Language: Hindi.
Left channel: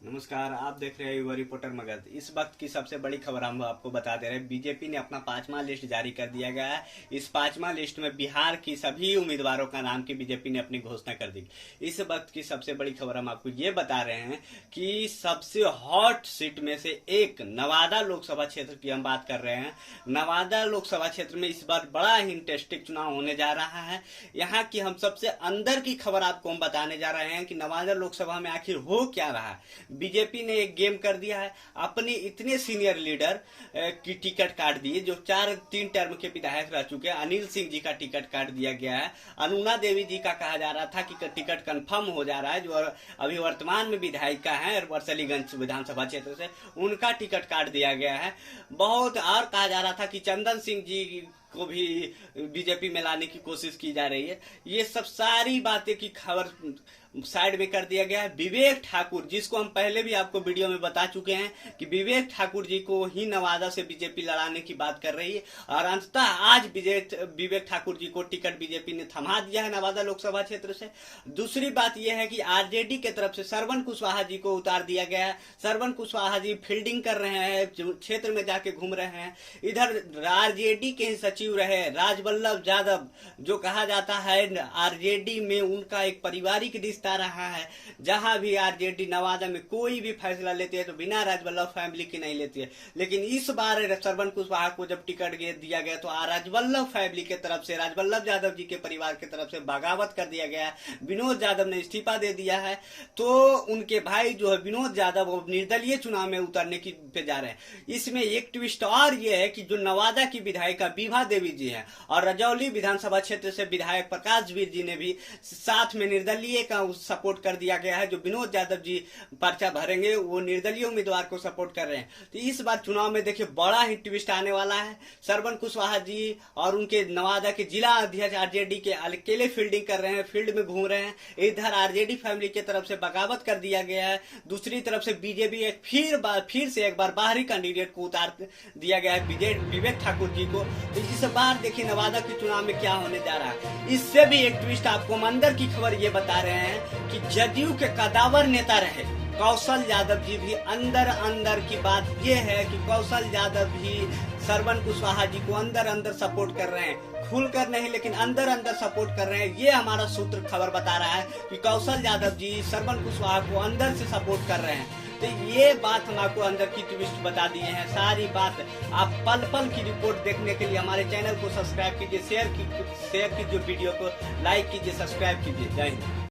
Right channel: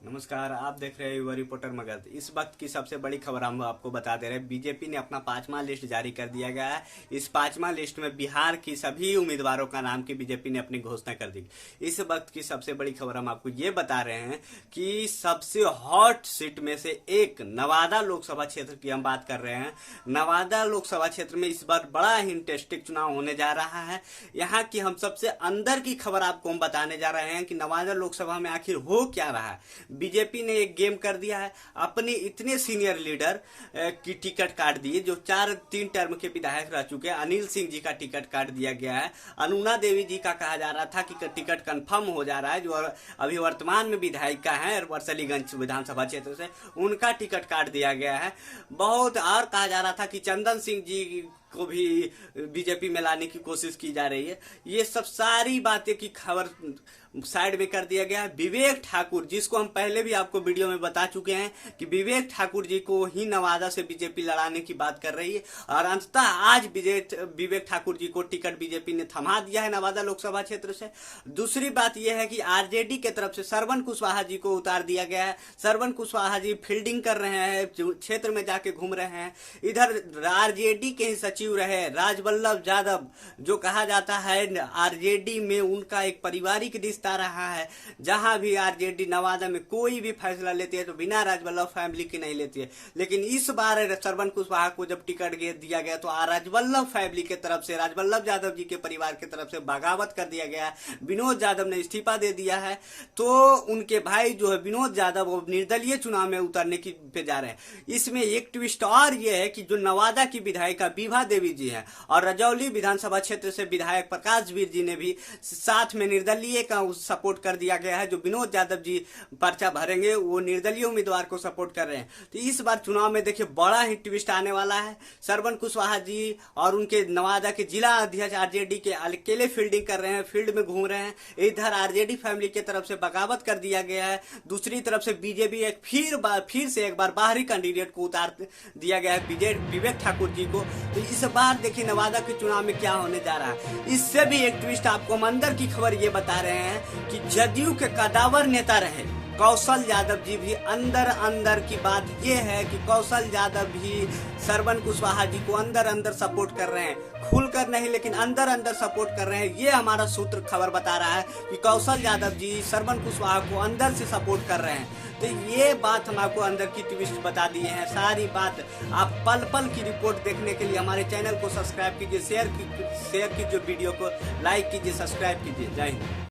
नमस्कार, आप देख रहे हैं युवा रिपोर्टर मगध। इस वक्त की सबसे बड़ी खबर हम आपको बता दे रहे हैं। बीजेपी ने अपना 5वां लिस्ट जारी कर दिया गया है। इस 5वां लिस्ट में बिहार की सभी उम्मीदवारों का नाम की बीजेपी ने अपनी घोषणा कर दी। इस वक्त की सबसे बड़ी खबर हम आपको ये बता रहे हैं कि सबसे हॉट सीट में से एक नवादा लोकसभा क्षेत्र की हम बात कर रहे हैं। नवादा लोकसभा क्षेत्र में इस बार बड़ा ही इंटरेस्टिंग चुनाव होने जा रहा है। यहाँ की हम सबसे अंदर की खबर आपको हम बताने जा रहे हैं कि नवादा लोकसभा में आखिर हो क्या रहा है। बीजेपी ने एक गेम कर दिया है। अपने इतने सीनियर लीडर की टिकट काट दिए जो 3 टर्म के विधायक रह चुके हैं। अनिल सिंह जी का टिकट काट दिया गया है। अनुना देवी जी का कहा जा रहा था कि टिकट कंफर्म हो जा रहा है, जो अभी वर्तमान में विधायिका है वर्सलीगंज विधानसभा क्षेत्र से, उनका टिकट काट दिया गया है। बहुत और कहा जा रहा था कि चंदन सिंह जी को भी बीजेपी में लाने की कोशिश की जा रही है। ये सब सारी बातें की खबर साइड में कर दिया गया है। विवेक ठाकुर, जिसको हम पहले भी आपको वीडियो में बता चुके हैं कि विवेक ठाकुर जी को ही नवादा से बीजेपी लड़ाने की बात कर रही है, और अंततः आज विवेक ठाकुर जी को टिकट बीजेपी ने थमा दिया है नवादा लोकसभा क्षेत्र से। दूसरी बात यह है कि आरजेडी के तरफ से श्रवण कुशवाहा जी को उतार दिया गया है। श्रवण कुशवाहा जी फील्डिंग कर रहे हैं, क्षेत्र में जाके घूम रहे हैं। इधर आरजेडी के ही सचिव रहे राजवल्लभ यादव, जो कहा जाता है आरजेडी में उनका एक पारिवारिक रिश्ता रहा है। जहां भी आरजेडी नवादा में कोई भी फैसला लेती है तो बिना राजवल्लभ फैमिली की नहीं लेती है। लेकिन इस बार श्रवण कुशवाहा को जब टिकट दिया गया तो राजवल्लभ फैमिली के तरफ से, राजवल्लभ यादव जी के परिवार की तरफ से बगावत कर दिया गया है। विनोद यादव ने इस्तीफा दे दिया है, तो उनके भाई जो है विनोद यादव वो निर्दलीय चुनाव में उतरने की पे जा रहे हैं। इसमें एक ट्विस्ट और ये है कि जो नवादा की विधायिका विभा देवी जी है और रजौली विधानसभा क्षेत्र से विधायक प्रकाश वीर जी ने भी साथ में निर्दलीय का सपोर्ट कर दिया गया है। जो विनोद यादव जी पर्चा भरेंगे वो निर्दलीय उम्मीदवार को सपोर्ट कर रहे हैं। तो इस बार चुनाव में देखिए बड़ा ही ट्विस्ट आने वाला है। श्रवण कुशवाहा जी और उनके नवादा के जिला अध्यक्ष आरजेडी के अकेले फील्डिंग कर रहे हैं, फील्ड में घूम रहे हैं। इधर आरजेडी फैमिली की तरफ से बगावत कर दिया गया है। दूसरी तरफ से बीजेपी फिर से एक बार बाहरी कैंडिडेट को उतार दिया गया है, विवेक ठाकुर जी को। तो इस बार देखिए नवादा के चुनाव में क्या होने जा रहा है। इससे भी एक ट्विस्ट आपको हम अंदर की खबर ये बता रहे हैं कि जदयू के कदावर नेता रहे कौशल यादव जी भी अंदर की बात यह है कि कौशल यादव भी श्रवण कुशवाहा जी को अंदर सपोर्ट कर रहे हैं। खुलकर नहीं लेकिन अंदर सपोर्ट कर रहे हैं। ये हमारा सूत्र खबर बता रहा है कि कौशल यादव जी श्रवण कुशवाहा को अंदर से सपोर्ट कर रहे हैं। तो ये बात हम आपको अंदर की ट्विस्ट बता दिए हैं। सारी बात आप पल पल की रिपोर्ट देखने के लिए हमारे चैनल को सब्सक्राइब कीजिए, शेयर कीजिए वीडियो को, लाइक कीजिए, सब्सक्राइब कीजिए। जय हिंद।